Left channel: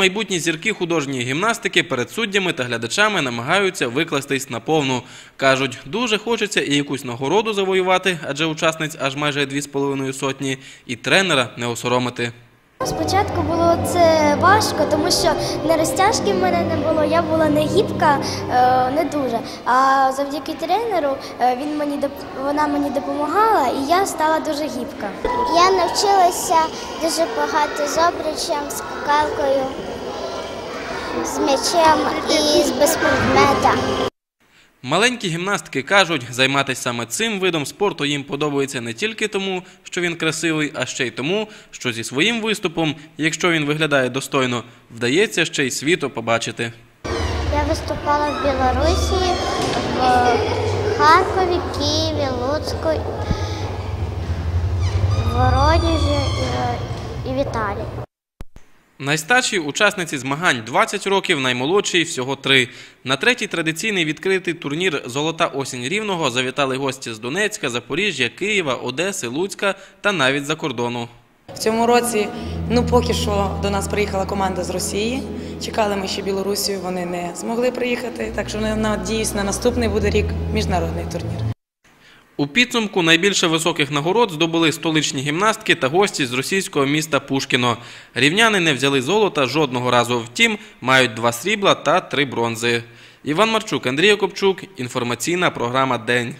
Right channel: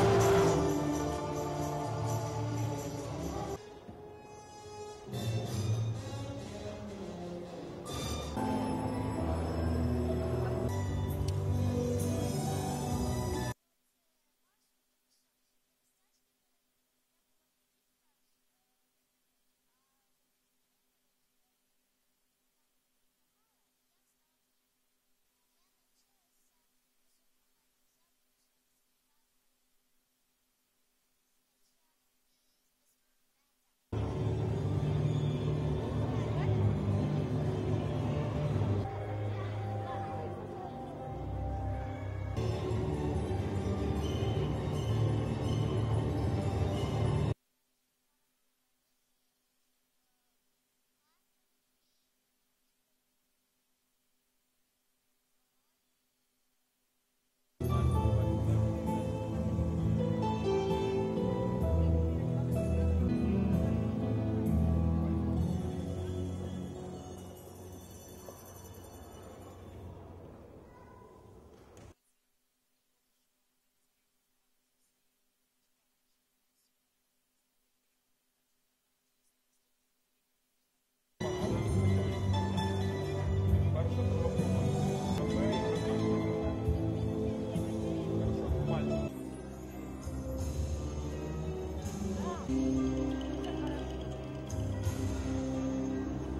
майбутні зірки художньої гімнастики перед суддями та глядачами намагаються викластись на повну. Кажуть, дуже хочеться і якусь нагороду завоювати, адже учасниць аж майже дві з половиною сотні, і тренера не осоромити. Спочатку було це важко, тому що не розтяжки в мене не було, я була не гібка, е, не дуже. А завдяки тренеру е, він мені вона мені допомагала, і я стала дуже гібка. Я навчилася дуже багато з обручем, скакалкою, з м'ячем і з безпредмета. Маленькі гімнастки кажуть, займатися саме цим видом спорту їм подобається не тільки тому, що він красивий, а ще й тому, що зі своїм виступом, якщо він виглядає достойно, вдається ще й світу побачити. Я виступала в Білорусі, в Харкові, Києві, Луцьку, Найстаршій учасниці змагань 20 років, наймолодшій всього 3. На третій традиційний відкритий турнір Золота осінь рівного завітали гості з Донецька, Запоріжжя, Києва, Одеси, Луцька та навіть за кордону. В цьому році, ну поки що до нас приїхала команда з Росії. Чекали ми ще Білорусію, вони не змогли приїхати. Так що не- надіюсь, на наступний буде рік міжнародний турнір. У підсумку найбільше високих нагород здобули столичні гімнастки та гості з російського міста Пушкіно. Рівняни не взяли золота жодного разу. Втім, мають два срібла та три бронзи. Іван Марчук, Андрій Копчук. Інформаційна програма День.